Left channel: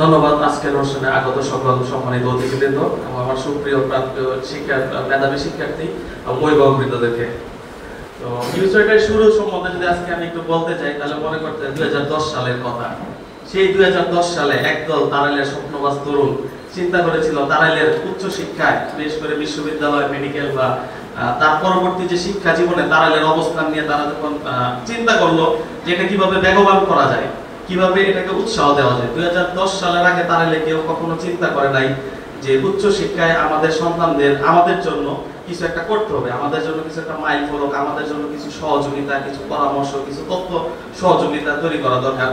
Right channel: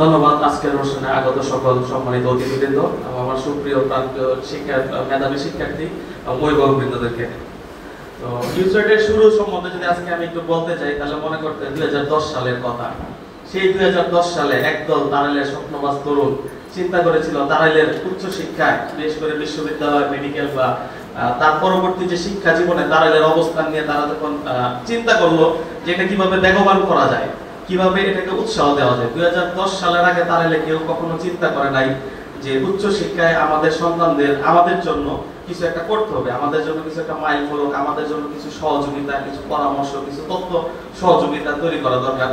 ধন্যবাদ আজকের অনুষ্ঠানে আগত সকল সম্মানিত অতিথিবৃন্দ এবং আমার সুপ্রিয় প্রান্তীয় মেধাবী শিক্ষার্থী এবং অভিভাবকবৃন্দদেরকে। তো ইউসাইডের শুরু সম্বন্ধে যদি আজকে আমি একটু বলতে চাই তাহলে মনে করতে 2010 সালের কথা। সেই 2010 সালে একদল তারাইলের স্বপ্নবাজ তরুণ চিন্তা করেছিল তারাইলের উচ্চ শিক্ষায়, বিশেষ করে বিশ্ববিদ্যালয়, মেডিকেল বা তার পরবর্তী যে শিক্ষা জীবনে তারাইলের অবস্থান নিয়ে তারা যখন চিন্তা করলো যে এটা কিভাবে বেগবান করা যায়, কিভাবে এটাকে উৎসাহ দেওয়া যায়। 2010 সালের আগে তারাইলে কেউ কখনো চিন্তা করে নাই যে উচ্চ শিক্ষায় আমাদের সন্তানদের আমাদের জন্য কিছু একটা করতে হবে, আমাদের জন্য কিছু একটা মাইল ফলক, আমাদের জন্য কিছু সহযোগিতা, কিছু পরামর্শ, কিছু তথ্য সহযোগিতা তৈরি করা দরকার।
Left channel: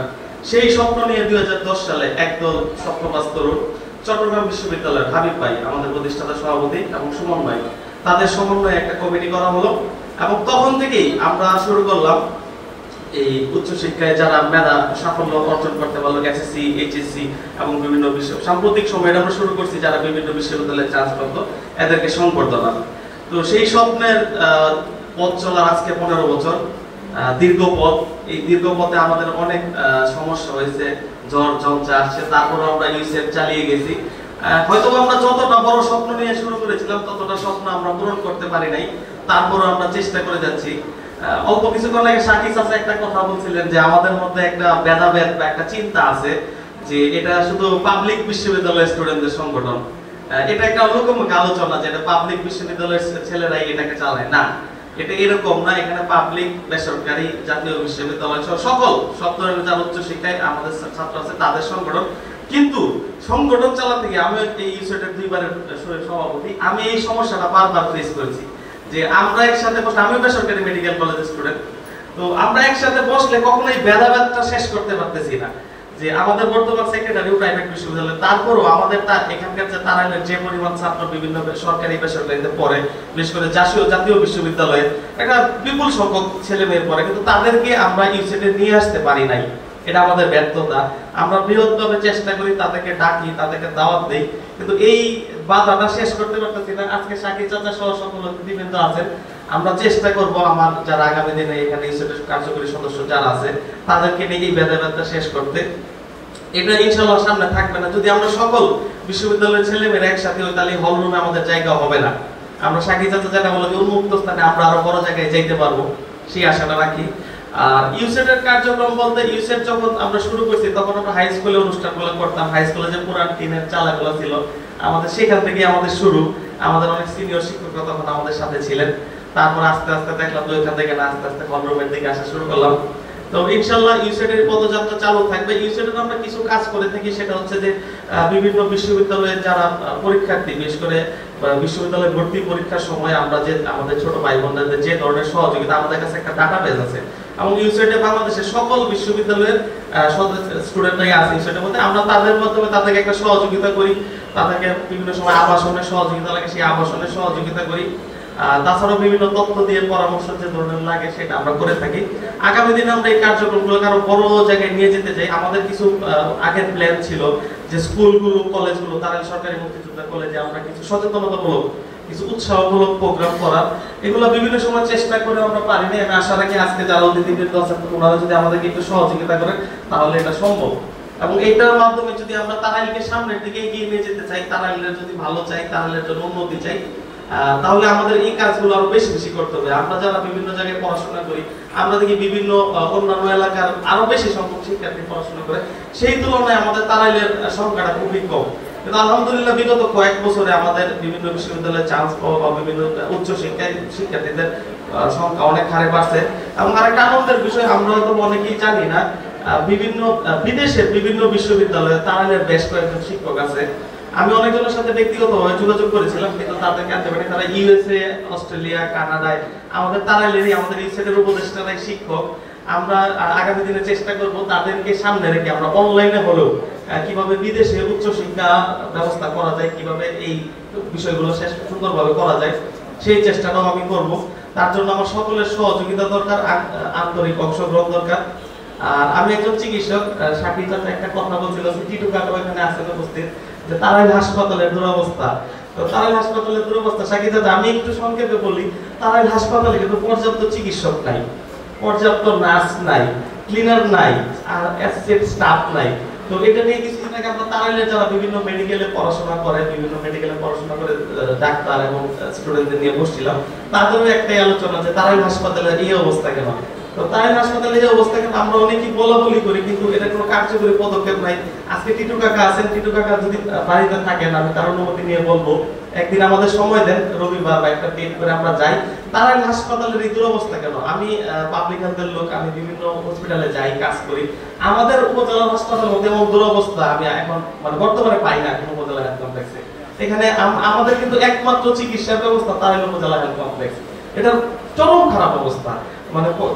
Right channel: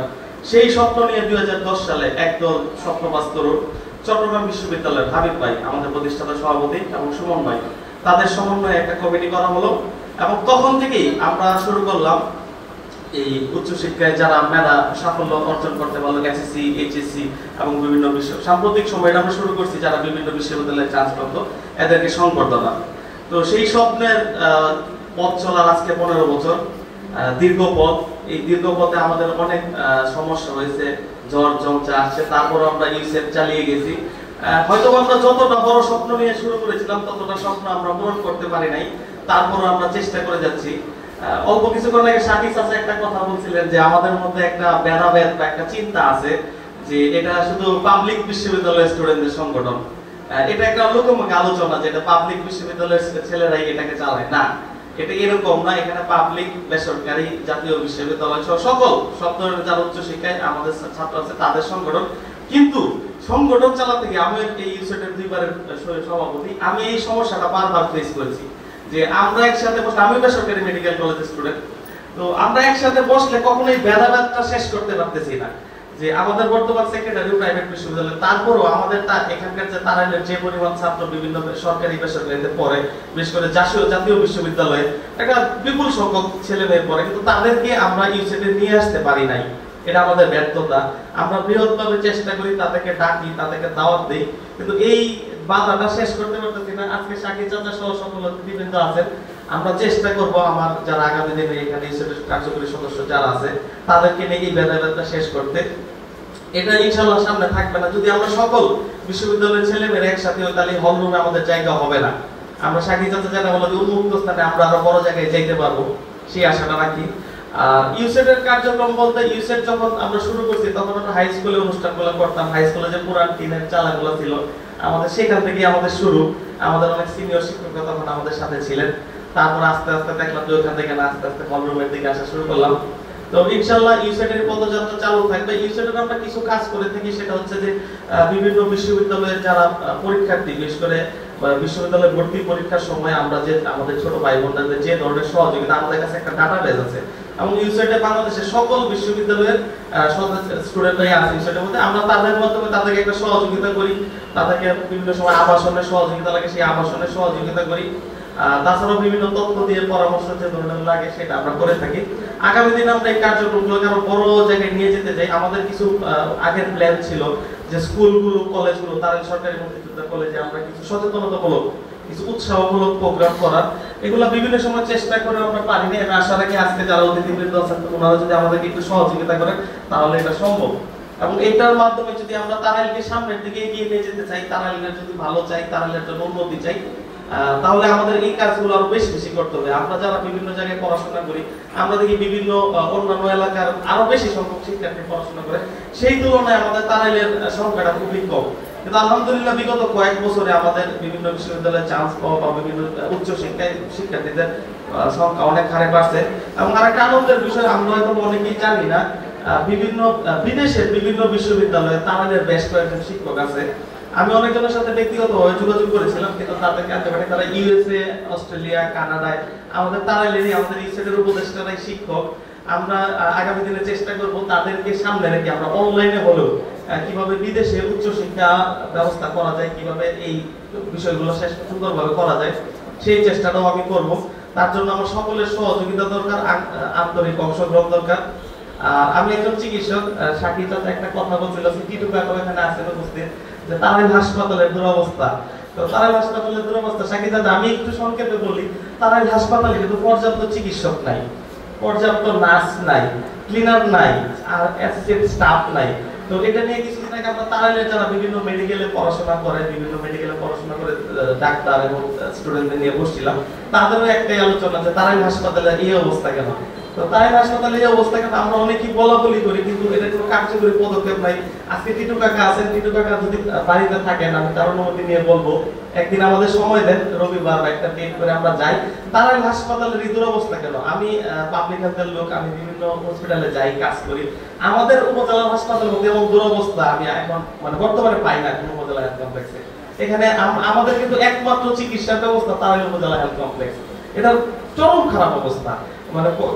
সেই স্বপ্ন নিয়ে 2010 সালে একদল স্বপ্নবাজ তরুণ চট্টগ্রাম বিশ্ববিদ্যালয়ের হাবিব ভাই, আমাদের প্রতিষ্ঠাতা সভাপতি, এবং সুমন ভাই, তাদের সমন্বয়ে একটা কমিটি করা হলো। এবং তখন থেকেই আমরা শুরু করলাম এই উচ্চশিক্ষায় যারা মেধা সাফল্য অর্জন করতে পারলো, এসএসসি, এইচএসসি এবং বিভিন্ন সাম্প্রতিক সময়ে আমরা শুরু করছি যারা বিভিন্ন বিশ্ববিদ্যালয়ে চান্স করতো এদেরকে সংবর্ধনা। তো সেই স্বপ্নের পথ চলার আজকে 15 বছর দীর্ঘ পথ। এই দীর্ঘ পথে আমাদের অনেক সমস্যা হয়েছে, ঝড় ঝঞ্ঝা আসছে, তারপরে আমরা ইউসেট চালিয়ে গেছি। হয়তো আমরা যতটা বড় স্বপ্ন নিয়ে শুরু করেছিলাম ততটা স্বপ্ন আমরা পূরণ করতে পারি নাই, তারপরে আমরা চেষ্টা করে যাচ্ছি। অল্প কিছুক্ষণ আগে শাকিব চাচা একটা কথা বলছিলেন যে আমাদের মধ্যে একটা ভেদাভেদ বা একটা চিন্তা আছে যে এটা শুধু পাবলিক বিশ্ববিদ্যালয়ের স্টুডেন্টদের সংগঠন। এটা একটা লোকমুখ আলোচনা যে এটা পাবলিক বিশ্ববিদ্যালয়ের ছেলেরাই এটাকে চালায়, না, এটা এরকম না। এখানে পাবলিক, বেসরকারি, জাতীয় বিশ্ববিদ্যালয় সকল সব ধরনের যারা উচ্চ শিক্ষায় আমাদের ছাত্র আছে তাদের সংগঠন। কিন্তু সংগঠন চালাতে গিয়ে আমি এই ইউসেটের 2 বারের সভাপতি, আমি এই সমস্যাটা বারবার ফেস করেছি যে আমরা একসাথে বসে, আমি বেসরকারি মেডিকেল কলেজের স্টুডেন্ট, তো আমরা একসাথে বসলে কখনোই ভেদাভেদটা শেষ করতে পারতেছি না। যে আমাদের বর্তমান সেক্রেটারি প্রাইভেট বিশ্ববিদ্যালয়, তারপরও আমাদের এখানকার যে তারাইলের যে পরিমাণ ছাত্র বিভিন্ন সরকারি বেসরকারিতে পড়ে, বিশেষ করে জাতীয় বিশ্ববিদ্যালয়ে একটা বিপুল সংখ্যক ছেলে মেয়ে পড়ে, কিন্তু তাদেরকে আমরা ইউসেটে নিয়ে আসতে পারি নাই। এটা আমাদের ব্যর্থতা। আমরা বৃহৎভাবে চেষ্টা করি, তাদেরকে ডাকি, তাদেরকে দাওয়াত দেই, কিন্তু এই বাধাটা শেষ করতে পারতেছি না। আজকে শাকিব চাচা সহ সকল অতিথিবৃন্দ আছেন, আমরা চেষ্টা করব আমার যারা আগামী দিনে এখানে ইনস্টিটিউট কার্যকরী সদস্য যারা আছে তাদেরকে নিয়ে এই ভেদাভেদটা শেষ করতে। এটা ইনশাআল্লাহ সামনে থাকবে না যদি আমরা সকল বিশ্ববিদ্যালয়ের ছেলেমেয়েরা একসাথে হই, তাহলে হল রুমে আমাদের জায়গা হবে না। আমরা শাকিব চাচা যারা বলে যে উন্মুক্ত স্থানে আমরা আরো বড় জায়গায় যাইতে পারবো, সেই আশাটা রাখি। আর ইউসেটের কার্যক্রম বলতে, ইউসেট যখন আমরা শুরু করছি তখন আমরা হাই স্কুলে অনুষ্ঠানগুলো করতাম। হাই স্কুলে যে পুরান টিনের চালাগুলো ছিল আমাদের, সেখান থেকে আমাদের শুরু। আমাদের অনেক সিনিয়র শিক্ষকরা তখন আমাদের সাথে ছিলেন। তারপর আস্তে আস্তে দেখলাম যে ওইখান থেকে না আস্তে আস্তে হলরুমের দিকে আসা শুরু করলাম। তো ইনশাআল্লাহ ইউসেটের পদযাত্রা চালু থাকবে। ইউসেটের আমরা কিছু কাজ করে থাকি, সেটা হচ্ছে যে বিভিন্ন বিশ্ববিদ্যালয়ের যারা পরীক্ষার্থী, বিশেষ করে বিশ্ববিদ্যালয়ে ভর্তি পরীক্ষার সময় আমরা যে আমাদের ছোট ভাই বোনদের যে ধরনের সহযোগিতা, আমাদের কাছে একটা ডাটাবেস আছে এবং ইউসেটে বাংলাদেশের সকল বিশ্ববিদ্যালয়ের স্টুডেন্টরাই আছে ইউসেটের মধ্যে। আমরা তাদের মাধ্যমে তাদেরকে একটা সহযোগিতা করি, তাদেরকে বিভিন্ন সময় আবাসনের সহযোগিতা লাগে, সেই আবাসনের সহযোগিতা করি। তাছাড়াও বিভিন্ন তথ্য দিয়ে পরামর্শ যে ধরনের লাগে সেটা আমরা করে থাকি। আগামী দিনে আমরা এই কার্যক্রমগুলোকে আরো বড় জায়গায় নিয়ে যেতে চাই। আমাদের কিছু আগের প্ল্যান ছিল যে স্কুলগুলো, কলেজগুলো, তারা সরকারি মুক্তিযোদ্ধা কলেজে আমরা কিছু সচেতনতামূলক, কিছু উৎসাহমূলক প্রোগ্রাম করার, এগুলো বিভিন্ন সময় চেষ্টা করে আমরা পারি না। আমি আশা রাখি আজকে যারা অতিথিবৃন্দ আছেন ওনারা যদি আমাদেরকে একটু সহযোগিতা করেন তাহলে এটা সম্ভব। এবং এটার মাধ্যমে যদি আমরা তারাইলকে সামনের দিকে এগিয়ে নিয়ে যেতে চাই, তারাইলের যদি ভালো চাই, তারাইলের জন্য উন্নতি চাই, তাহলে আমাদের এই কাজগুলো আরো বেশি বেশি করতে হবে। আমরা যারা বিভিন্ন জায়গায় পড়াশোনা করি, আমরা দেখি বিভিন্ন অন্যান্য এলাকার আরো বেশি সংখ্যক শিক্ষার্থী পড়াশোনা করে, সেই তুলনায় আমাদের তারাইলের সংখ্যাটা খুবই কম। কিন্তু আলহামদুলিল্লাহ বিগত কয়েক বছরে আমাদের বিভিন্ন বিশ্ববিদ্যালয়ে চান্স পাওয়া বা বিভিন্ন উচ্চ শিক্ষার্থীদের সংখ্যা অনেক হারে বাড়ছে। এবং আরেকটা আনন্দের বিষয়, আমরা হয়তো অনেকেই জানি না, বিভিন্ন বিদেশের বিভিন্ন বিশ্ববিদ্যালয়ে তারাইলের বেশ কয়েকজন শিক্ষক আছে। আমি অনেকজনের সাথে ব্যক্তিগতভাবে যোগাযোগ করেছিলাম, কিন্তু তাদেরকে আনতে পারি। তারা ইউএসএ, অস্ট্রেলিয়া, কানাডায়, আমাদের তারাইলেরই, আমাদের ইউসেটের উপদেষ্টারাই শিক্ষক। আমরা আগামী দিনে চেষ্টা করব তাদেরকে সামনে রেখে আমরা অনলাইনে হলেও কিভাবে বিদেশে উচ্চশিক্ষা ব্যবস্থা করা যায়, কিভাবে এই বিষয়গুলো শেষ সুন্দরভাবে করা যায়, সেই চেষ্টাটাও আমি করব। তার জন্য আমার সকলের সহযোগিতা দরকার, আন্তরিক অংশগ্রহণ দরকার। আর আমি একজন চিকিৎসক, শাকিব চাচা একটা কথা বলছিল, টিটু কাকা এখানে আছেন উপস্থিত, যে তারাইল হাসপাতালের দুরবস্থা। তো তারাইল হাসপাতালের দুরবস্থা শাকিব চাচা আমি একটু সংক্ষেপে বলি। তারাইল হাসপাতালে কিন্তু পর্যাপ্ত চিকিৎসক নাই, পর্যাপ্ত নার্স নাই, ক্লিনার নাই, আর অ্যাসিস্ট্যান্ট স্টাফ নাই। তো এটা নিয়ে কিছু বিষয়টাকে আমরা তাড়াইলে যারা বিভিন্ন মেডিকেলে পড়াশোনা করে, বিভিন্ন মেডিকেলে পড়াশোনা করে ডাক্তার এবং স্টুডেন্টদের নিয়ে বসছিলাম, তাদেরও একটাই আলোচনা যে তারাই হাসপাতালের এই অবস্থা কেন। তো তাই হাসপাতালে এই অবস্থা কেন আমরা অনেকেই বলাবলি করি, কিন্তু এটা কোনো কার্যকরী পদক্ষেপ নাই। আজকে টিটু কাকা আছেন, টিটু কাকা যদি বাড়িতে থাকেন আমি তার অনুমতি নিয়ে বলবো একদিন আমাদের সময় দেন, রবিবার বা একটা ডেট করে আমরা যাই। তারাই হাসপাতালের এই দুরবস্থা কেন? আমি পাবলিক হেলথের লোক, আমি বিভিন্ন হসপিটালে যাই, কাজ করি। আমাদের উপজেলা হাসপাতাল মধ্যে এমন দুরবস্থা আমি এখন মানে বর্তমানে পাই না কোন উপজেলা হেলথ কমপ্লেক্সে। এখানে আমাদের কিন্তু একমাত্র চিকিৎসা ব্যবস্থা তারাই উপজেলা হেলথ কমপ্লেক্স। এটা চরম খারাপ অবস্থা, মানে কোন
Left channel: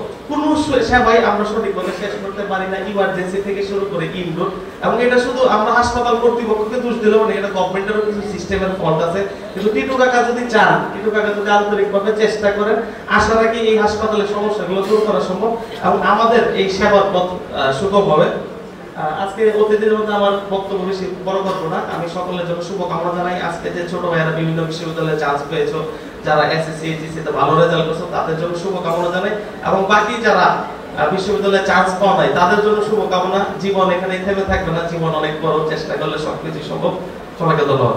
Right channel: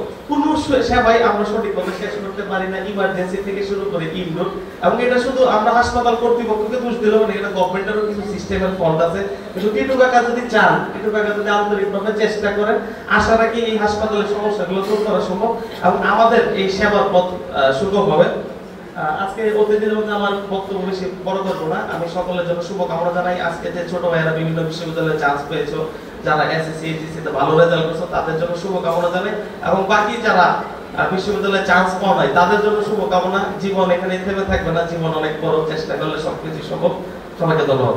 সেবাই আমরা সঠিকভাবে শেষ করতে পারি না, ইমার্জেন্সি থেকে শুরু করে ইনডোর। এবং এটা শুধু আমরা হাসপাতাল কর্তৃপক্ষকে দোষ দিলেও মানে এটা গভর্নমেন্টেরও কিছু সিস্টেমের ফল্ট আছে। কিন্তু টিটু কাকা যদি চান, টিটু কাকা যদি আন্তরিকভাবে চেষ্টা করেন, আশা রাখি এই হাসপাতালের সমস্যাগুলো দূর করা সম্ভব এবং আমাদের এই সেবার পথ সুগম হবে। আজকে অতিথিদের মধ্যে আমার বক্তব্য বেশি বড় করবো না, আমি সকলের জন্য শুভকামনা জানাই। আজকে যে ছোট ভাইয়েরা বিভিন্ন বিশ্ববিদ্যালয়ে চান্স পেয়েছো, যারা এসএসসি এইচএসসি তে ভালো রেজাল্ট করছো, তাদের জন্য শুভকামনা জানাই। এবং বাকি যারা বিশ্ববিদ্যালয়ে চান্স পাওয়া নাই তাদের জন্য শুভকামনা। জীবন এখানে থেমে থাকবে না, জীবন অনেক বড়, চেষ্টা করলে সবকিছু সম্ভব। সবাইকে ধন্যবাদ।